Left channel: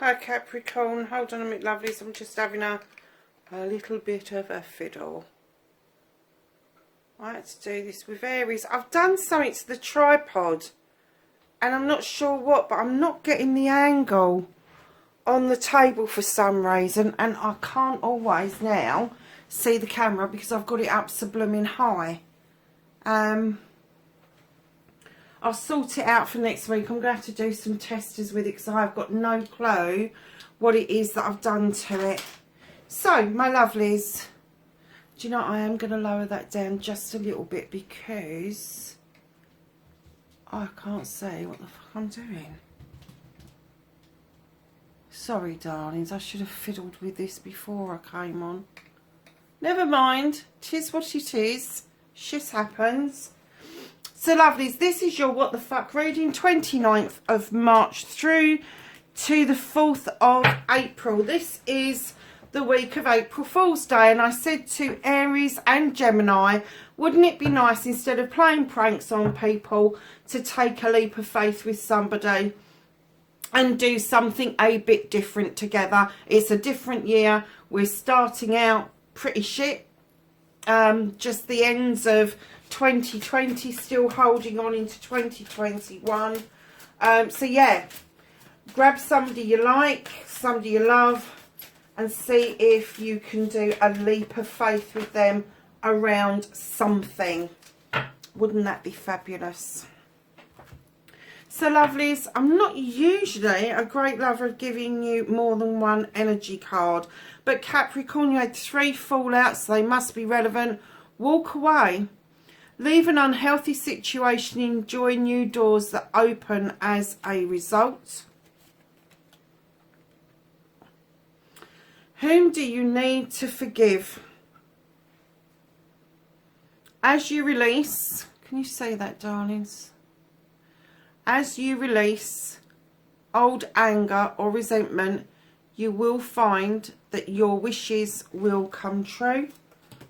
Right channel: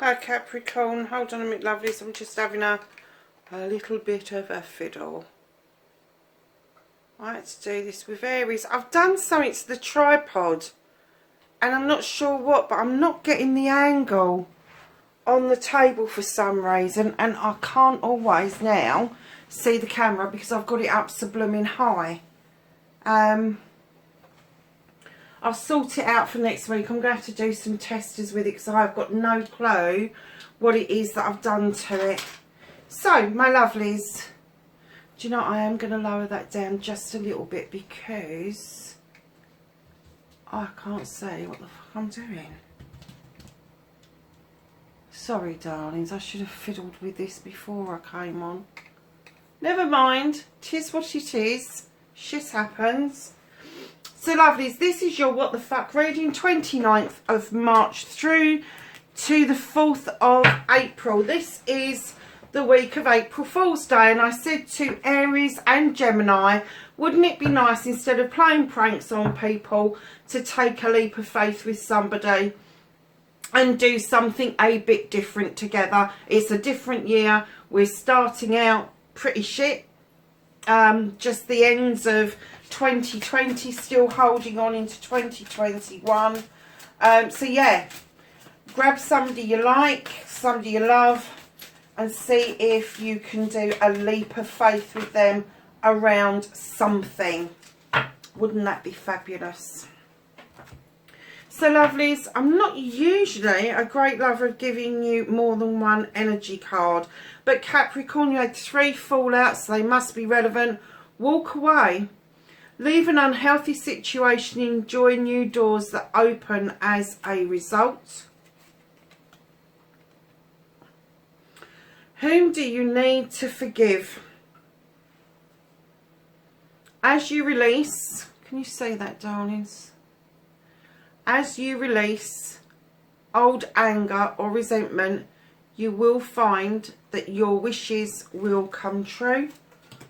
Hi Capricorn, hold on a minute lovelies, I'm just having a little bit of a fiddle. I had to do this with Aries. I've done something to the tripod and I'm not sure what, but I'm not getting the angle on the table for some reason, and I can't always now see the camera because I've got it up so blooming high. I'll sort it out for next week. I'm going to have to do some testers with it because I've got no clue what it is that I've done to it. So, my lovelies, do you know, I am going to lower that down just a little bit because I can't see what the fuck I'm doing. Sorry, darlings, I should have fiddled with this before I came on. Never mind, 'tis what it is. Shit happens. So lovelies, this is your What the Fuck reading, 29th of March through to the 4th of April. This is the week of April Fool's Day, and I said to Aries and Gemini, wouldn't it be nice instead of playing pranks on people to take a leap of faith with somebody and do something a bit different together. It's a different year. We're starting out pretty shit. Just the ends of 2020, still holding on into 2021. So yeah, grab somebody you like, somebody you love, and see if you can do a leap of faith with them around something. Wouldn't that be fabulous? So lovelies, I'm not usually a great lover of giving you more than one energy card, but Capricorn, you had 3 fallouts, so they must be relevant. Walk away. Leave an unhealthy situation, enjoy new doors that open as a result. Whom do you need to forgive? As you release, can you say that, darlings? As you release old anger or resentment, you will find that your wishes will come true.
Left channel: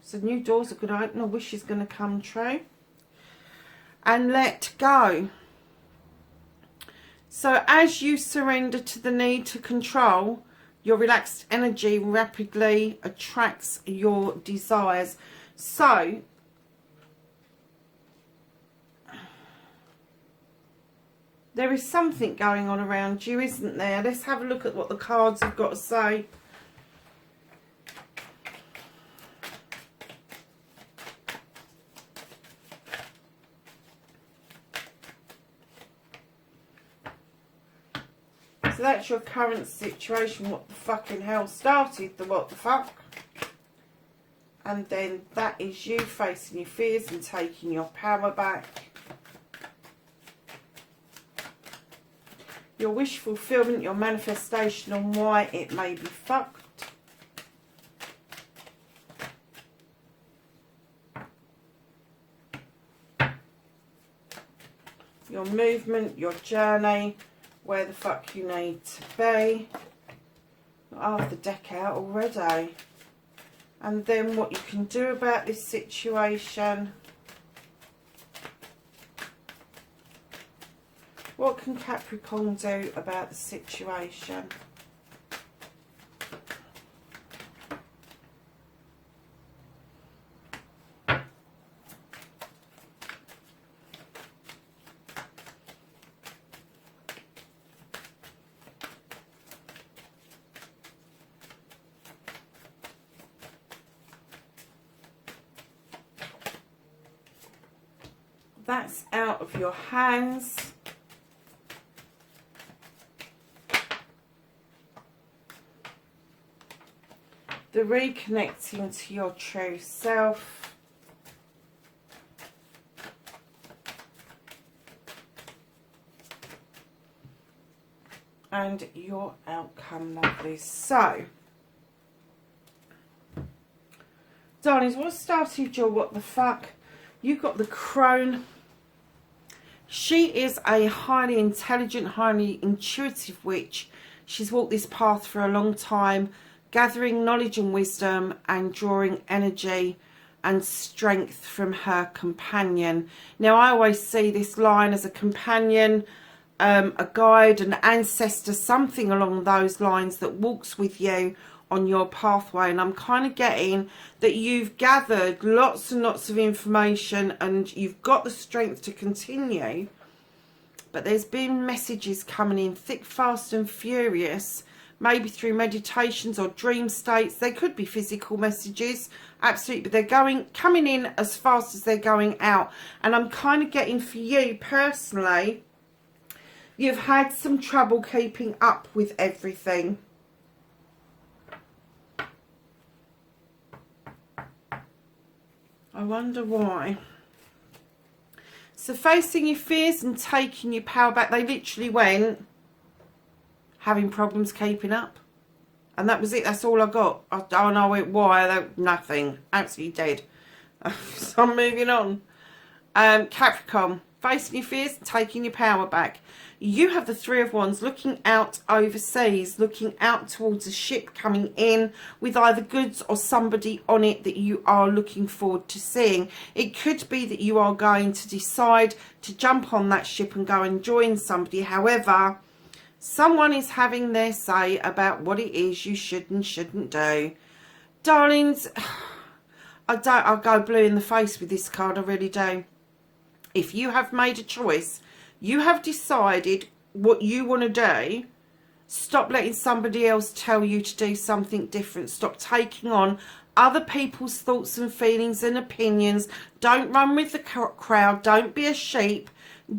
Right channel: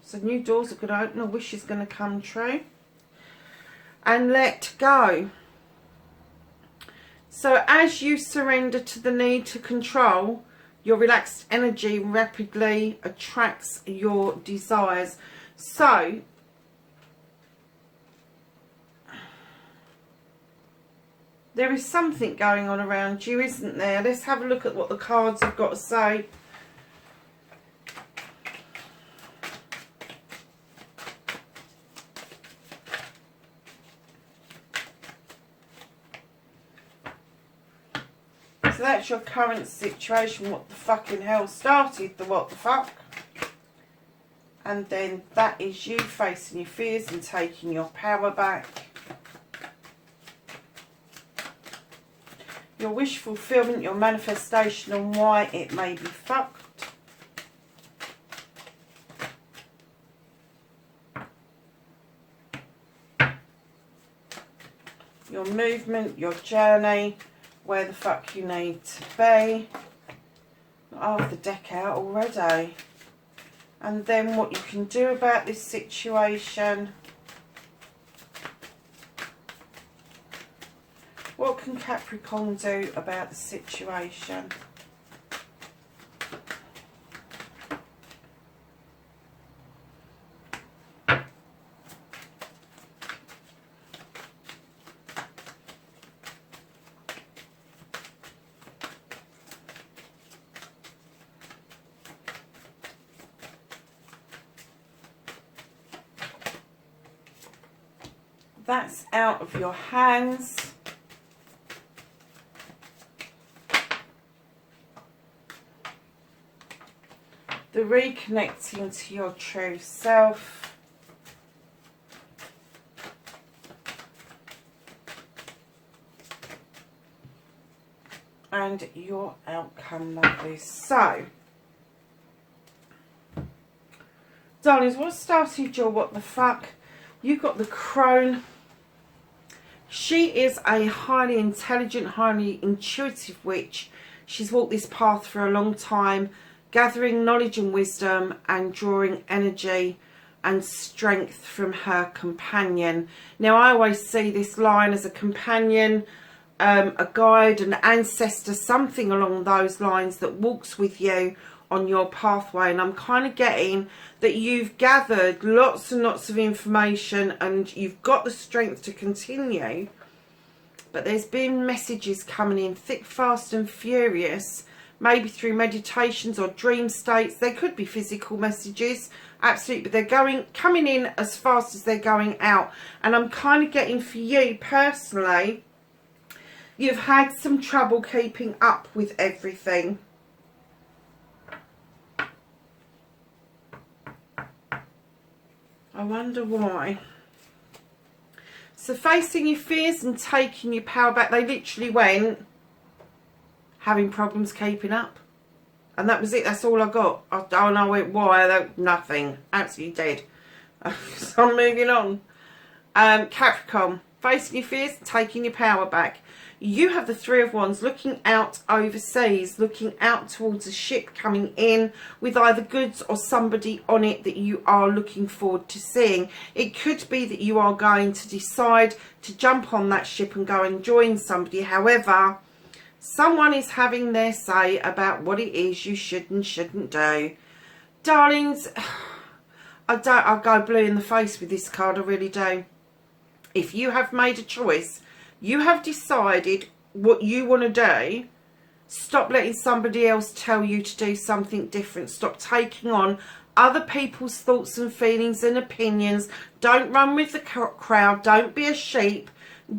So new doors are going to open, a wish is going to come true. And let go. So as you surrender to the need to control, your relaxed energy rapidly attracts your desires. So there is something going on around you, isn't there? Let's have a look at what the cards have got to say. So that's your current situation. What the fucking hell started the what the fuck? And then that is you facing your fears and taking your power back. Your wish fulfillment, your manifestation, and why it may be fucked. Your movement, your journey, where the fuck you need to be. Got half the deck out already. And then what you can do about this situation. What can Capricorn do about the situation? That's out of your hands. The reconnecting to your true self. And your outcome, lovely. So, darlings, what started your what the fuck? You've got the crone She is a highly intelligent, highly intuitive witch. She's walked this path for a long time, gathering knowledge and wisdom and drawing energy and strength from her companion. Now, I always see this line as a companion, a guide, an ancestor, something along those lines that walks with you on your pathway. And I'm kind of getting that you've gathered lots and lots of information and you've got the strength to continue, but there's been messages coming in thick, fast and furious, maybe through meditations or dream states. They could be physical messages, absolutely, but they're coming in as fast as they're going out. And I'm kind of getting, for you personally, you've had some trouble keeping up with everything. I wonder why. So facing your fears and taking your power back, they literally went having problems keeping up. And that was it. That's all I got. I don't know why. Nothing. Absolutely dead. So I'm moving on. Capricorn, facing your fears and taking your power back. You have the Three of Wands, looking out overseas, looking out towards a ship coming in with either goods or somebody on it that you are looking forward to seeing. It could be that you are going to decide to jump on that ship and go and join somebody. However, someone is having their say about what it is you should and shouldn't do. Darlings, I'll go blue in the face with this card, I really do. If you have made a choice, you have decided what you want to do, stop letting somebody else tell you to do something different. Stop taking on other people's thoughts and feelings and opinions. Don't run with the crowd. Don't be a sheep.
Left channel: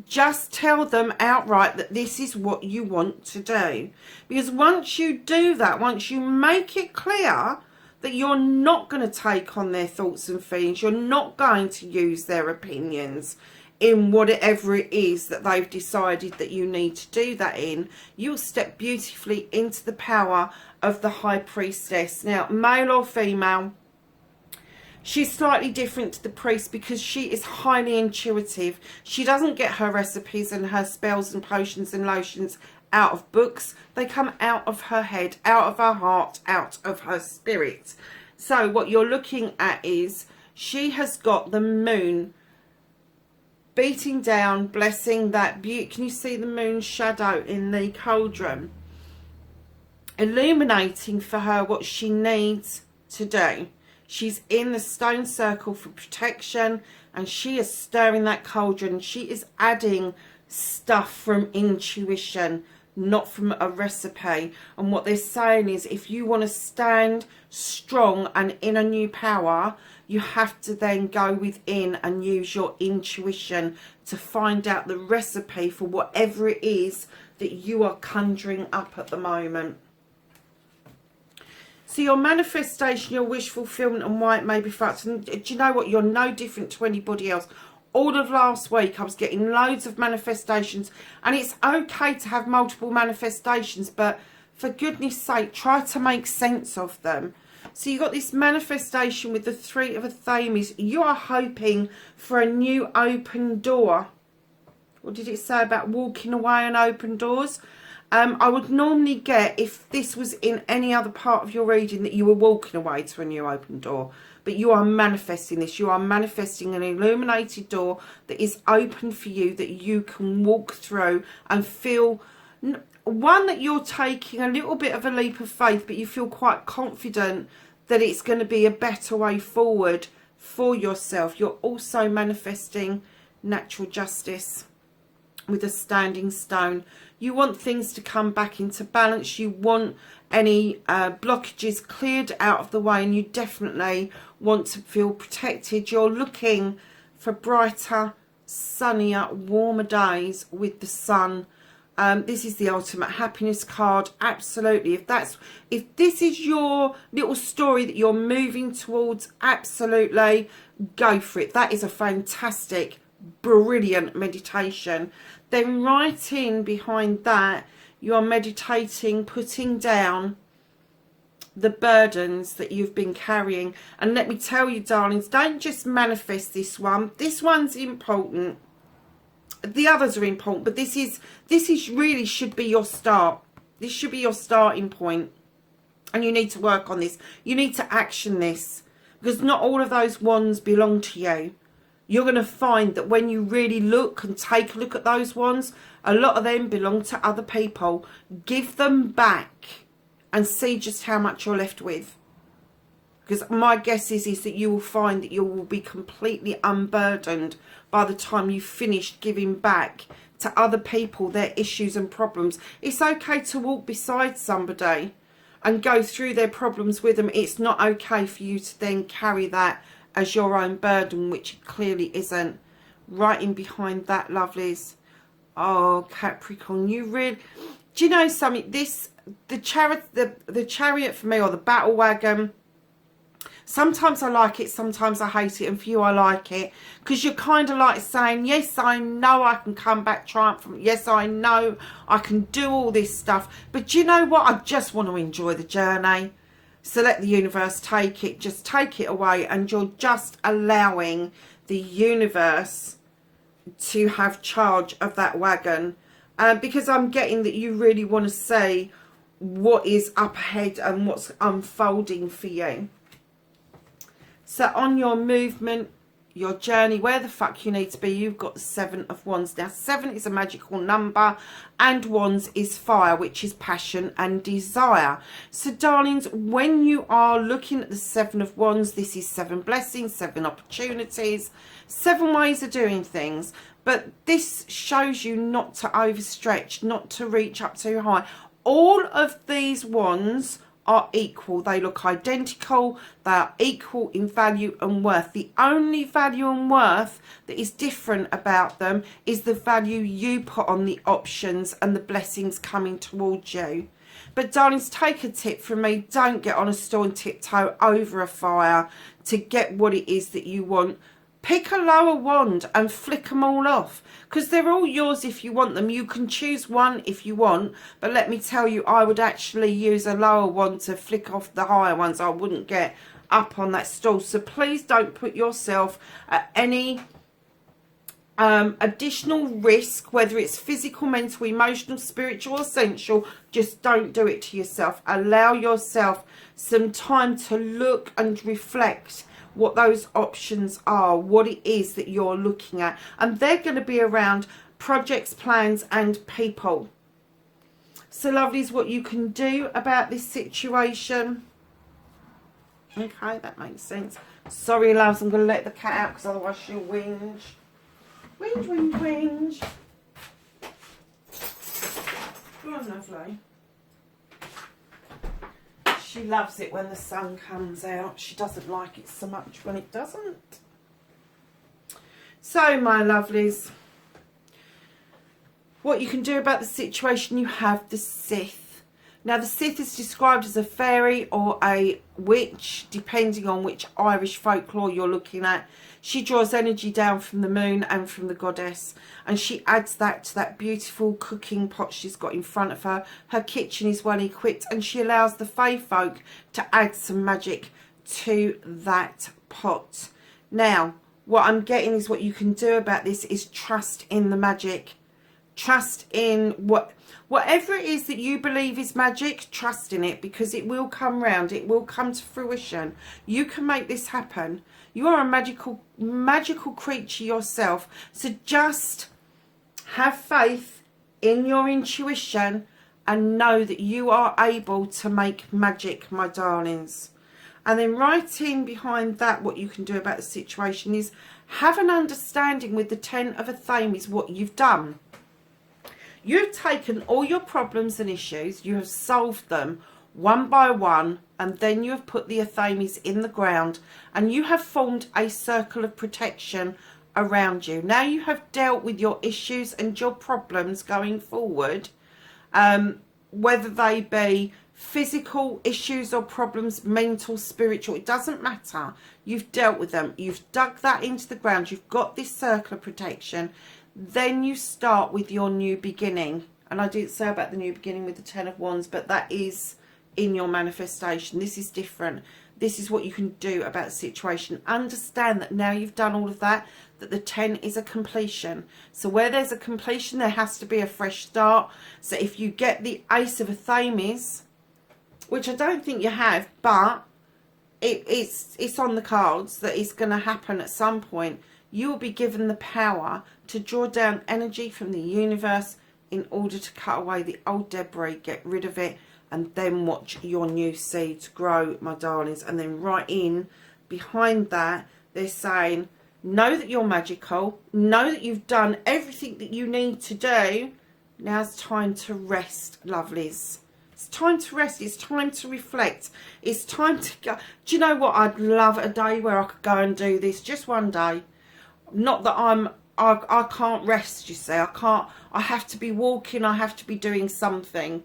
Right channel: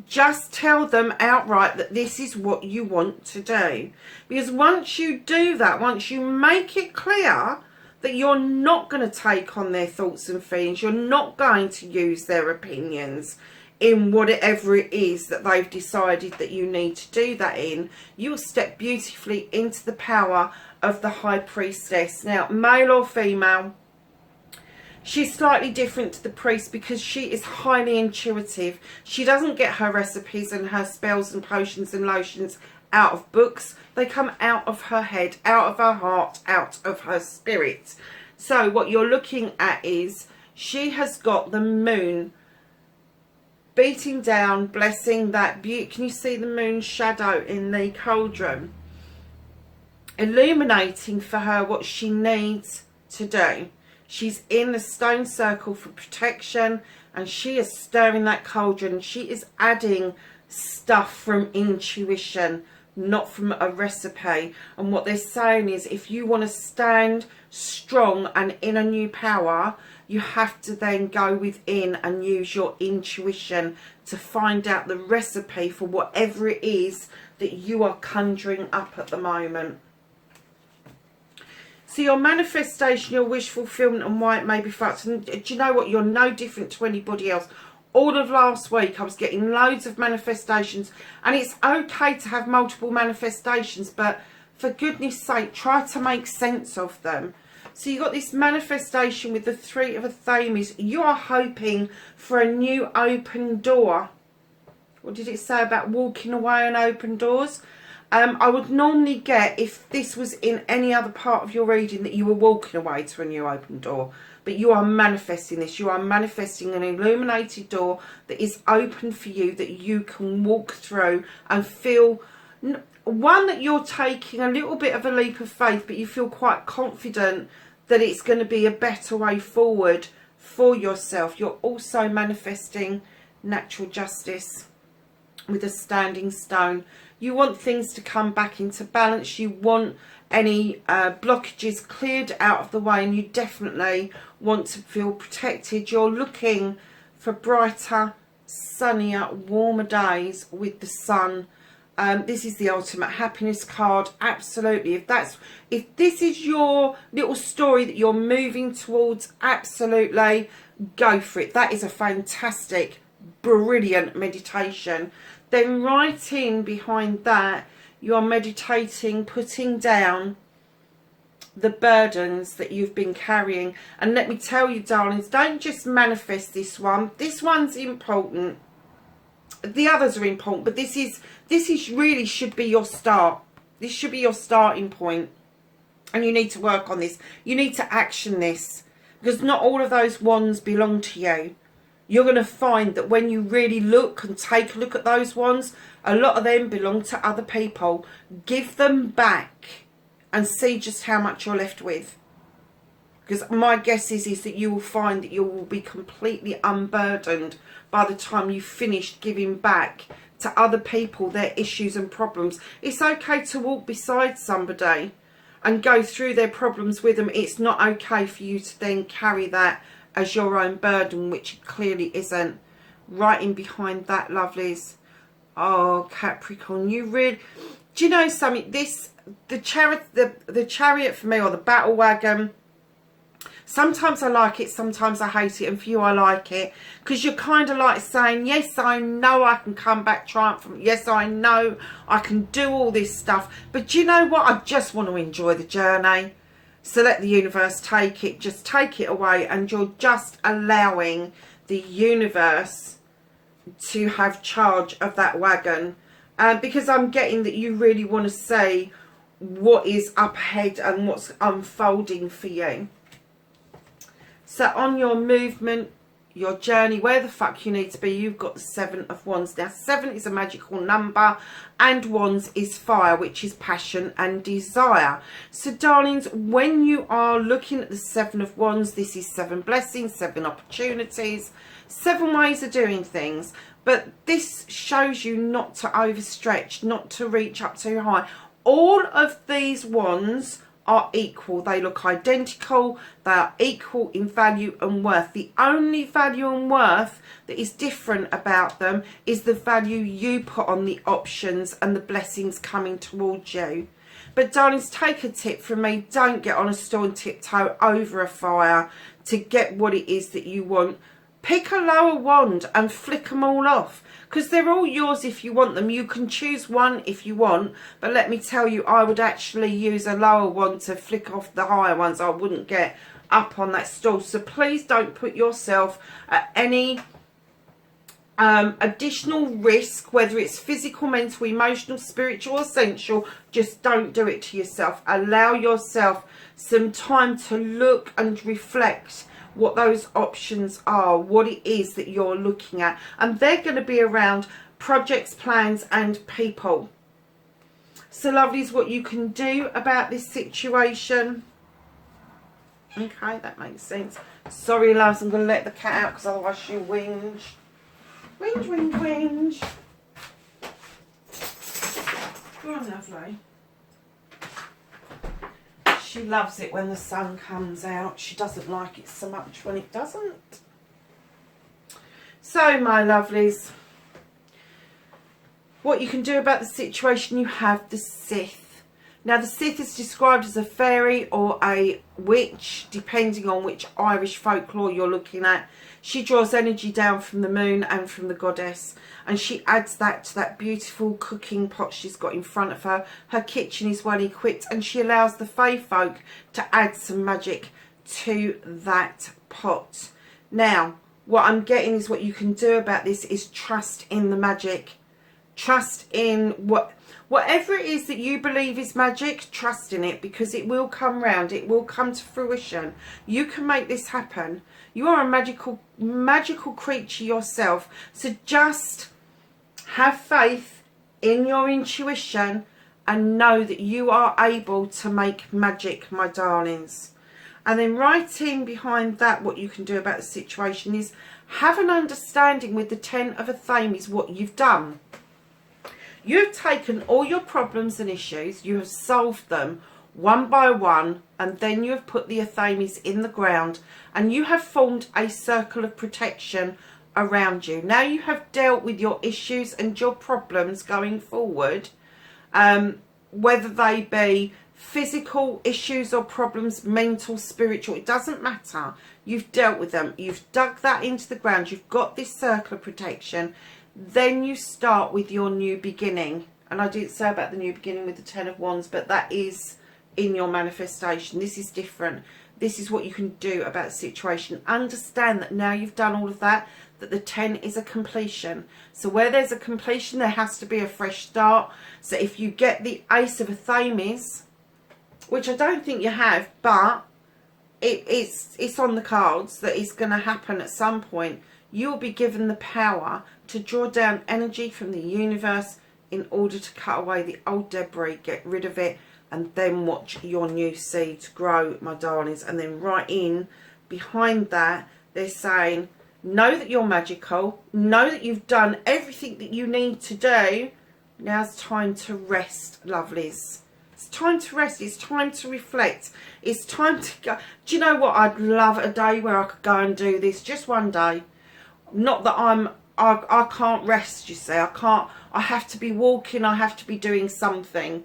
Just tell them outright that this is what you want to do. Because once you do that, once you make it clear that you're not going to take on their thoughts and feelings, you're not going to use their opinions in whatever it is that they've decided that you need to do that in, you'll step beautifully into the power of the High Priestess. Now, male or female, she's slightly different to the priest because she is highly intuitive. She doesn't get her recipes and her spells and potions and lotions out of books. They come out of her head, out of her heart, out of her spirit. So what you're looking at is she has got the moon beating down, blessing that beauty. Can you see the moon's shadow in the cauldron? Illuminating for her what she needs to do. She's in the stone circle for protection and she is stirring that cauldron. She is adding stuff from intuition, not from a recipe. And what they're saying is if you want to stand strong and in a new power, you have to then go within and use your intuition to find out the recipe for whatever it is that you are conjuring up at the moment. So your manifestation, your wish fulfillment and why it may be facts. And do you know what? You're no different to anybody else. All of last week I was getting loads of manifestations, and it's okay to have multiple manifestations, but for goodness sake, try to make sense of them. So you've got this manifestation with the Three of Athames. You are hoping for a new open door. What did it say about walking away and open doors? I would normally get, if this was in any other part of your reading, that you were walking away to a new open door. But you are manifesting this. You are manifesting an illuminated door that is open for you, that you can walk through and feel... One, that you're taking a little bit of a leap of faith, but you feel quite confident that it's going to be a better way forward for yourself. You're also manifesting natural justice with a standing stone. You want things to come back into balance. You want any blockages cleared out of the way, and you definitely want to feel protected. You're looking for brighter, sunnier, warmer days with the sun. This is the ultimate happiness card. Absolutely. If this is your little story that you're moving towards, absolutely go for it. That is a fantastic, brilliant meditation. Then right in behind that, you are meditating, putting down the burdens that you've been carrying. And let me tell you, darlings, don't just manifest this one. This one's important. the others are important, but this is really should be your start. This should be your starting point, and you need to work on this. You need to action this, because not all of those wands belong to you. You're going to find that when you really look and take a look at those wands, a lot of them belong to other people. Give them back and see just how much you're left with. Because my guess is that you will find that you will be completely unburdened by the time you've finished giving back to other people their issues and problems. It's okay to walk beside somebody and go through their problems with them. It's not okay for you to then carry that as your own burden, which it clearly isn't. Right in behind that, lovelies. Oh, Capricorn, you really... Do you know something? The chariot for me, or the battle wagon, sometimes I like it, sometimes I hate it, and for you I like it, because you're kind of like saying, yes, I know I can come back triumphant, yes, I know I can do all this stuff, but do you know what? I just want to enjoy the journey. So let the universe take it, just take it away, and you're just allowing the universe to have charge of that wagon, because I'm getting that you really want to see what is up ahead and what's unfolding for you. So on your movement, your journey, where the fuck you need to be, you've got the 7 of Wands. Now, 7 is a magical number, and Wands is fire, which is passion and desire. So, darlings, when you are looking at the 7 of Wands, this is 7 blessings, 7 opportunities, 7 ways of doing things. But this shows you not to overstretch, not to reach up too high. All of these wands are equal. They look identical. They are equal in value and worth. The only value and worth that is different about them is the value you put on the options and the blessings coming towards you. But darlings, take a tip from me. Don't get on a stool and tiptoe over a fire to get what it is that you want. Pick a lower wand and flick them all off, because they're all yours if you want them. You can choose one if you want, but let me tell you, I would actually use a lower wand to flick off the higher ones. I wouldn't get up on that stool. So please don't put yourself at any additional risk, whether it's physical, mental, emotional, spiritual or sensual. Just don't do it to yourself. Allow yourself some time to look and reflect what those options are, what it is that you're looking at, and they're going to be around projects, plans and people. So lovelies, what you can do about this situation. Okay, that makes sense. Sorry loves, I'm going to let the cat out because otherwise she'll whinge. Whinge, whinge, whinge. Go on, lovely. She loves it when the sun comes out. She doesn't like it so much when it doesn't. So, my lovelies, what you can do about the situation, you have the Sith. Now, the Sith is described as a fairy or a witch, depending on which Irish folklore you're looking at. She draws energy down from the moon and from the goddess, and she adds that to that beautiful cooking pot she's got in front of her. Her kitchen is well equipped, and she allows the fae folk to add some magic to that pot. Now, what I'm getting is what you can do about this is trust in the magic. Trust in whatever it is that you believe is magic, trust in it, because it will come round. It will come to fruition. You can make this happen. You are a magical creature yourself. So just have faith in your intuition and know that you are able to make magic, my darlings. And then right in behind that, what you can do about the situation is have an understanding with the 10 of Athames what you've done. You've taken all your problems and issues, you have solved them one by one, and then you have put the Athames in the ground, and you have formed a circle of protection around you. Now you have dealt with your issues and your problems going forward, whether they be physical issues or problems, mental, spiritual, it doesn't matter. You've dealt with them. You've dug that into the ground. You've got this circle of protection. Then you start with your new beginning. And I didn't say about the new beginning with the 10 of Wands, but that is in your manifestation. This is different. This is what you can do about the situation. Understand that now you've done all of that, that the 10 is a completion. So where there's a completion, there has to be a fresh start. So if you get the Ace of Athames, which I don't think you have, but it's on the cards that it's going to happen at some point, you'll be given the power to draw down energy from the universe in order to cut away the old debris, get rid of it, and then watch your new seeds grow, my darlings. And then right in behind that, they're saying, know that you're magical, know that you've done everything that you need to do. Now's time to rest, lovelies. It's time to rest. It's time to reflect. It's time to go. Do you know what? I'd love a day where I could go and do this, just one day. Not that I can't rest, you see. I can't. I have to be walking. I have to be doing something.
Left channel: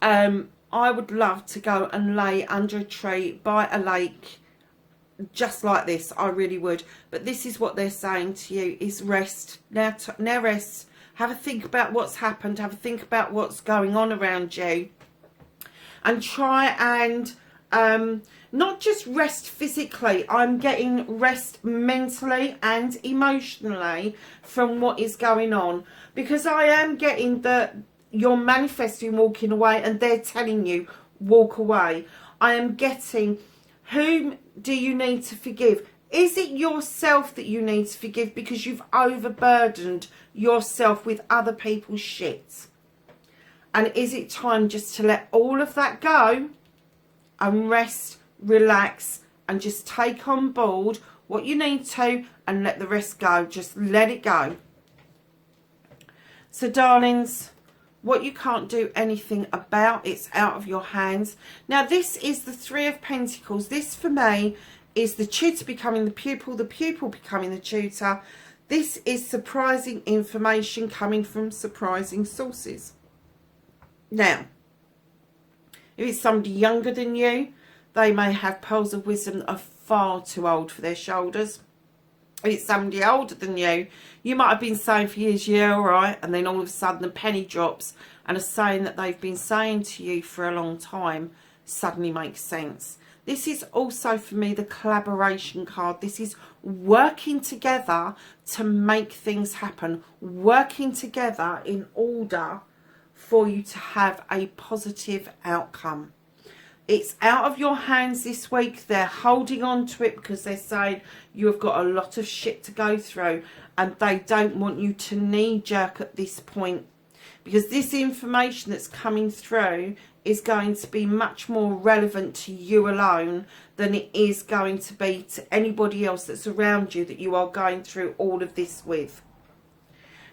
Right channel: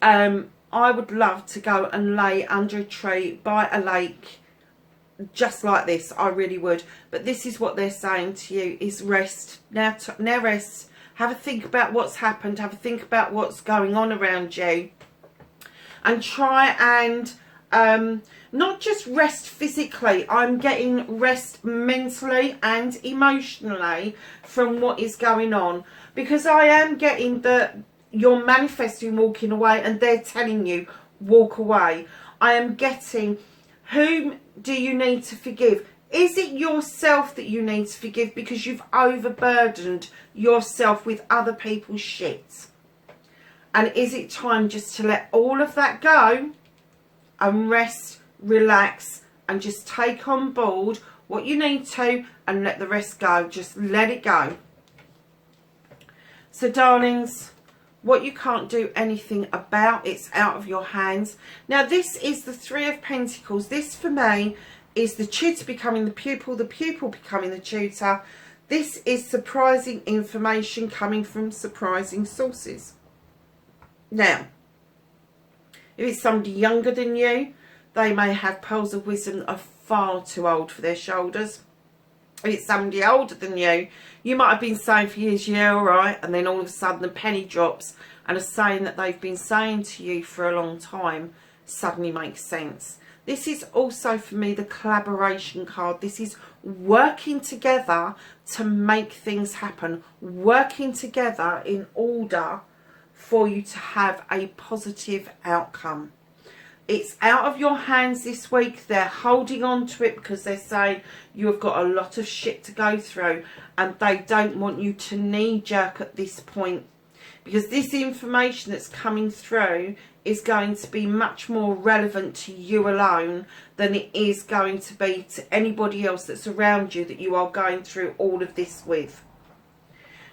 I would love to go and lay under a tree by a lake, just like this. I really would. But this is what they're saying to you: is rest now. Now rest. Have a think about what's happened. Have a think about what's going on around you, and try and not just rest physically. I'm getting rest mentally and emotionally from what is going on, because I am getting that you're manifesting walking away, and they're telling you walk away. I am getting, whom do you need to forgive? Is it yourself that you need to forgive because you've overburdened yourself with other people's shit? And is it time just to let all of that go and rest, relax, and just take on board what you need to and let the rest go? Just let it go. So, darlings, what you can't do anything about, it's out of your hands. Now, this is the Three of Pentacles. This, for me, is the tutor becoming the pupil becoming the tutor. This is surprising information coming from surprising sources. Now, if it's somebody younger than you, they may have pearls of wisdom that are far too old for their shoulders. If it's somebody older than you, you might have been saying for years, yeah, all right, and then all of a sudden the penny drops and a saying that they've been saying to you for a long time suddenly makes sense. This is also, for me, the collaboration card. This is working together to make things happen. Working together in order for you to have a positive outcome. It's out of your hands this week. They're holding on to it because they're saying you have got a lot of shit to go through, and they don't want you to knee-jerk at this point, because this information that's coming through is going to be much more relevant to you alone than it is going to be to anybody else that's around you that you are going through all of this with.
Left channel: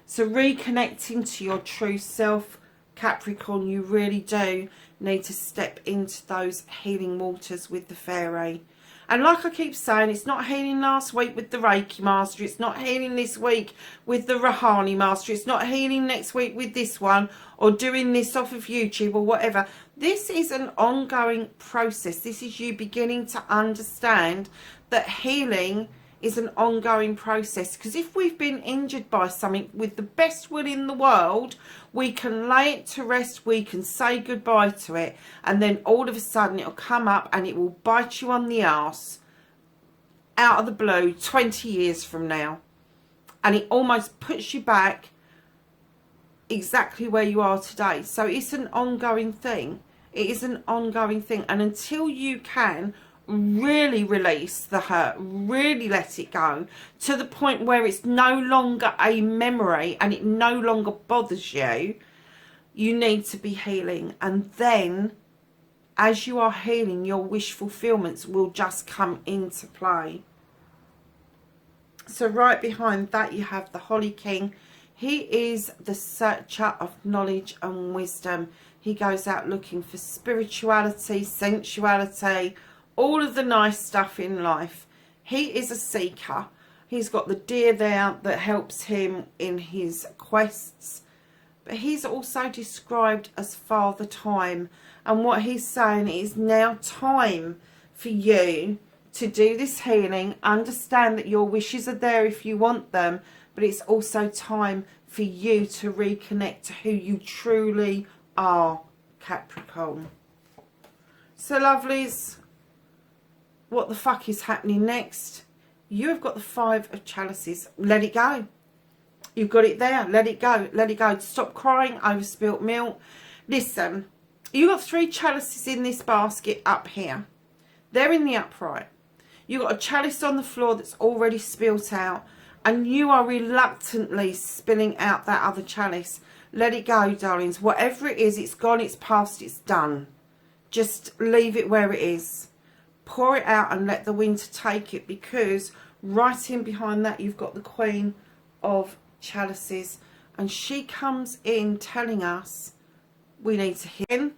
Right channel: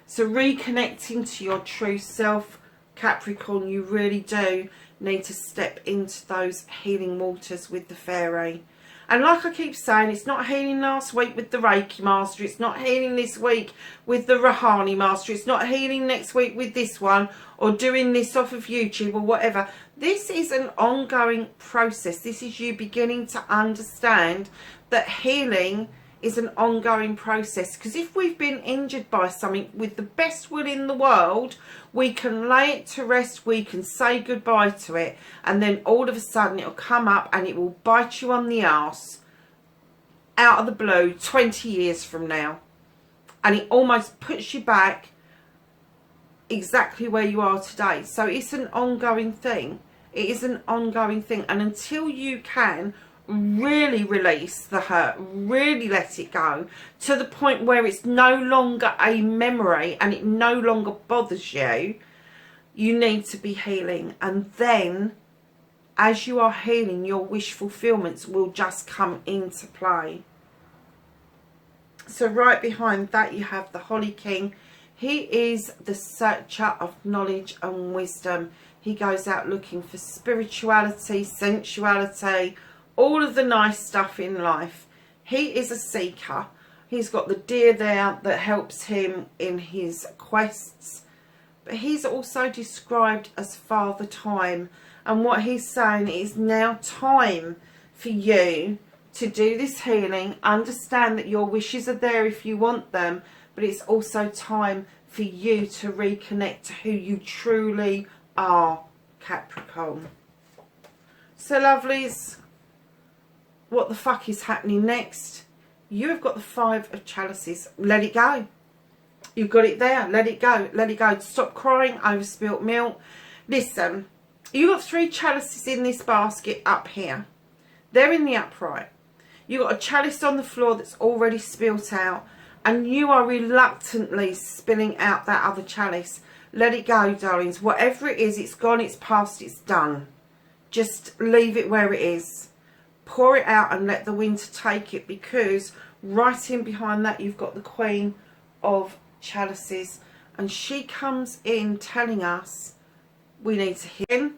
So reconnecting to your true self, Capricorn, you really do need to step into those healing waters with the fairy. And like I keep saying, it's not healing last week with the Reiki Master. It's not healing this week with the Rahani Master. It's not healing next week with this one, or doing this off of YouTube or whatever. This is an ongoing process. This is you beginning to understand that healing is an ongoing process. Because if we've been injured by something, with the best will in the world, we can lay it to rest, we can say goodbye to it, and then all of a sudden it'll come up and it will bite you on the arse out of the blue 20 years from now. And it almost puts you back exactly where you are today. So it's an ongoing thing. It is an ongoing thing. And until you can really release the hurt, really let it go to the point where it's no longer a memory and it no longer bothers you, you need to be healing. And then as you are healing, your wish fulfillments will just come into play. So right behind that you have the Holly King. He is the searcher of knowledge and wisdom. He goes out looking for spirituality, sensuality, all of the nice stuff in life. He is a seeker. He's got the deer there that helps him in his quests. But he's also described as Father Time. And what he's saying is now time for you to do this healing. Understand that your wishes are there if you want them. But it's also time for you to reconnect to who you truly are, Capricorn. So, lovelies, what the fuck is happening next? You have got the 5 of chalices. Let it go. You've got it there. Let it go. Let it go. Stop crying over spilt milk. Listen, you've got 3 chalices in this basket up here. They're in the upright. You've got a chalice on the floor that's already spilt out. And you are reluctantly spilling out that other chalice. Let it go, darlings. Whatever it is, it's gone, it's past, it's done. Just leave it where it is. Pour it out and let the wind take it, because right in behind that you've got the Queen of Chalices. And she comes in telling us we need to heal.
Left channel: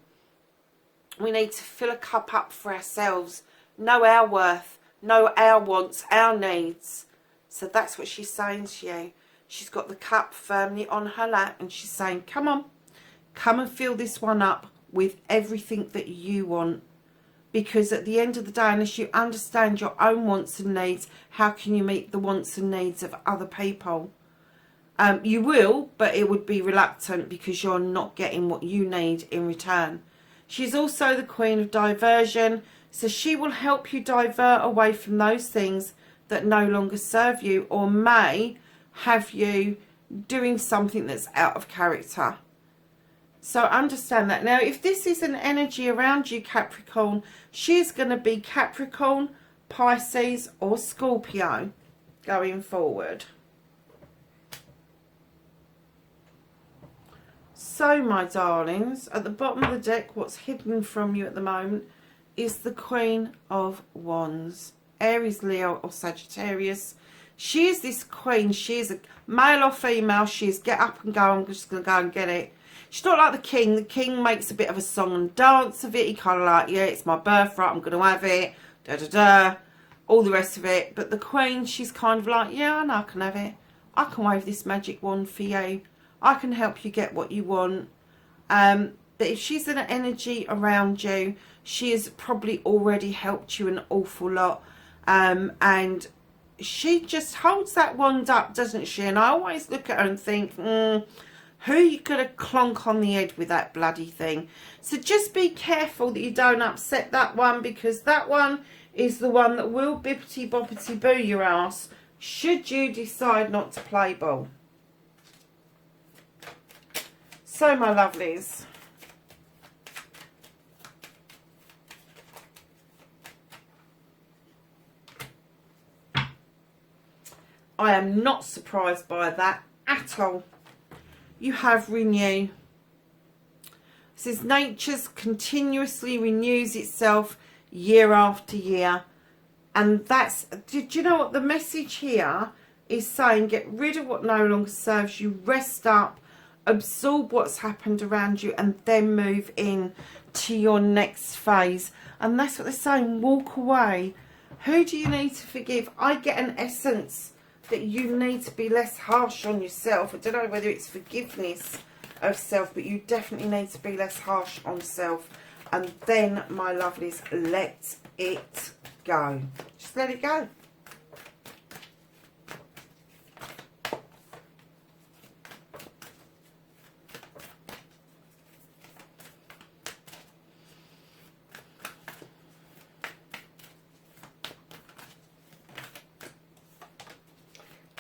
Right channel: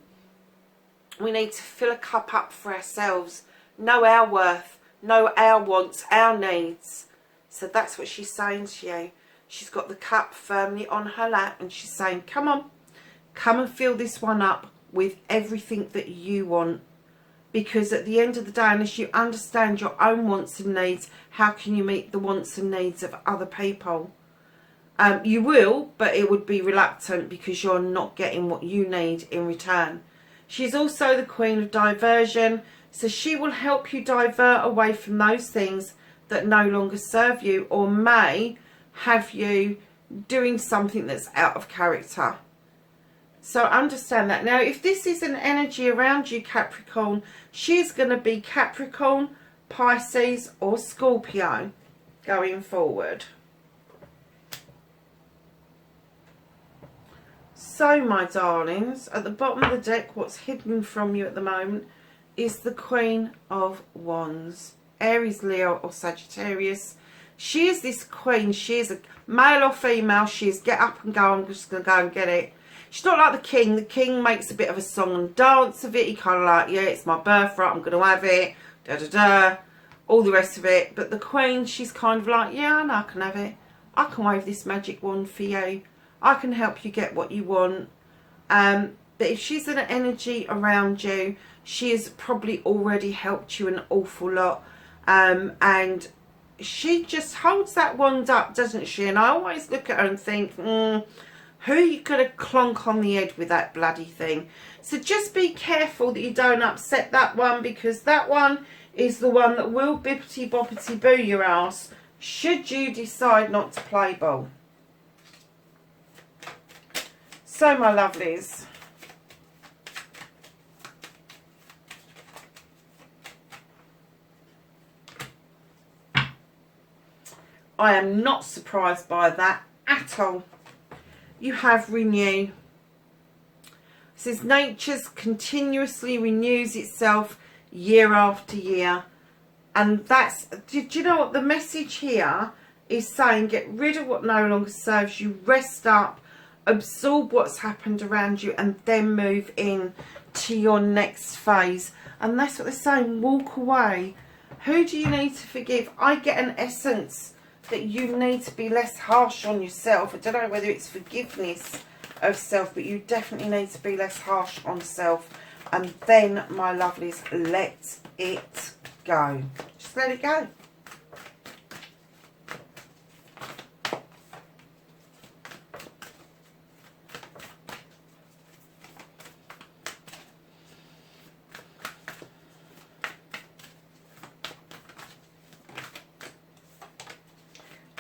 We need to fill a cup up for ourselves. Know our worth. Know our wants, our needs. So that's what she's saying to you. She's got the cup firmly on her lap and she's saying, come on, come and fill this one up with everything that you want. Because at the end of the day, unless you understand your own wants and needs, how can you meet the wants and needs of other people? You will, but it would be reluctant because you're not getting what you need in return. She's also the Queen of Diversion, so she will help you divert away from those things that no longer serve you or may have you doing something that's out of character. So understand that. Now, if this is an energy around you, Capricorn, she's going to be Capricorn, Pisces or Scorpio going forward. So, my darlings, at the bottom of the deck, what's hidden from you at the moment is the Queen of Wands. Aries, Leo or Sagittarius. She is this queen. She is a male or female. She is get up and go. I'm just going to go and get it. She's not like the king. The king makes a bit of a song and dance of it. He kind of like, yeah, it's my birthright. I'm going to have it. Da da da. All the rest of it. But the queen, she's kind of like, yeah, I know I can have it. I can wave this magic wand for you. I can help you get what you want. But if she's in an energy around you, she has probably already helped you an awful lot. And she just holds that wand up, doesn't she? And I always look at her and think, who are you going to clonk on the head with that bloody thing? So just be careful that you don't upset that one, because that one is the one that will bippity boppity boo your ass should you decide not to play ball. So, my lovelies, I am not surprised by that at all. You have renew. It says nature continuously renews itself year after year. And that's, did you know what the message here is saying? Get rid of what no longer serves you, rest up, absorb what's happened around you, and then move in to your next phase. And that's what they're saying, walk away. Who do you need to forgive? I get an essence that you need to be less harsh on yourself. I don't know whether it's forgiveness of self, but you definitely need to be less harsh on self. And then, my lovelies, let it go. Just let it go.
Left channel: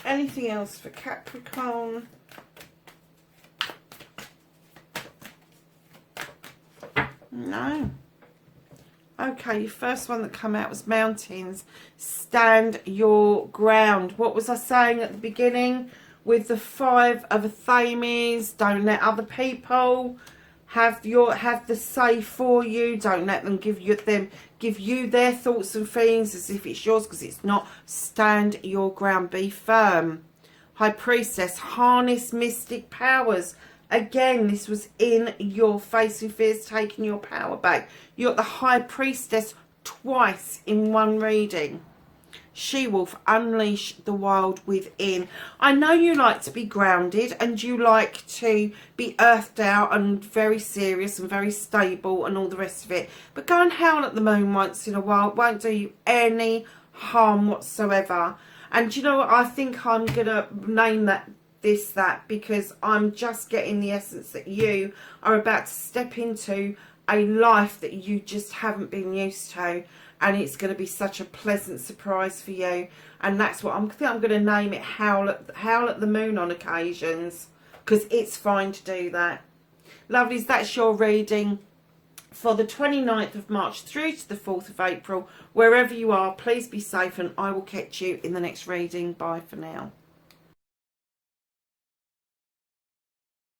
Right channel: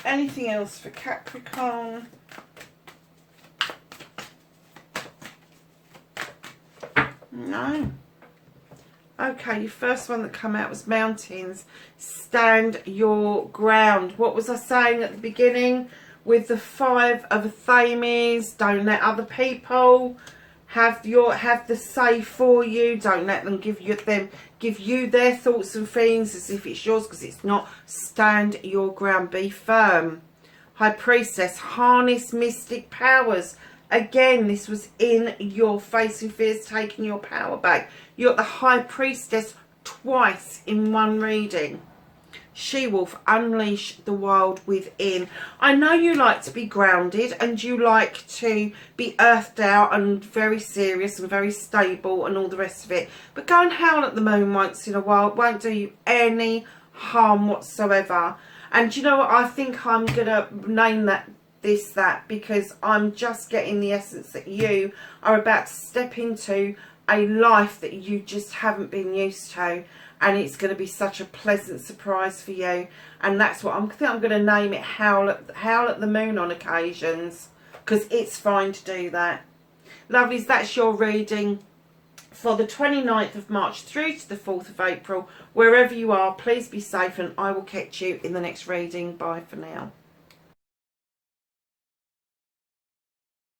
Anything else for Capricorn? No. Okay, your first one that came out was mountains. Stand your ground. What was I saying at the beginning with the 5 of Athames? Don't let other people have the say for you. Don't let them give you their thoughts and feelings as if it's yours, because it's not. Stand your ground. Be firm. High Priestess. Harness mystic powers. Again, this was in your facing fears, taking your power back. You're the High Priestess twice in one reading. She-wolf, unleash the wild within. I know you like to be grounded and you like to be earthed out and very serious and very stable and all the rest of it. But go and howl at the moon once in a while. It won't do you any harm whatsoever. And you know what? I think I'm going to name that because I'm just getting the essence that you are about to step into a life that you just haven't been used to. And it's going to be such a pleasant surprise for you. And that's what I think I'm going to name it, Howl at the Moon on occasions, because it's fine to do that. Lovelies, that's your reading for the 29th of March through to the 4th of April. Wherever you are, please be safe, and I will catch you in the next reading. Bye for now.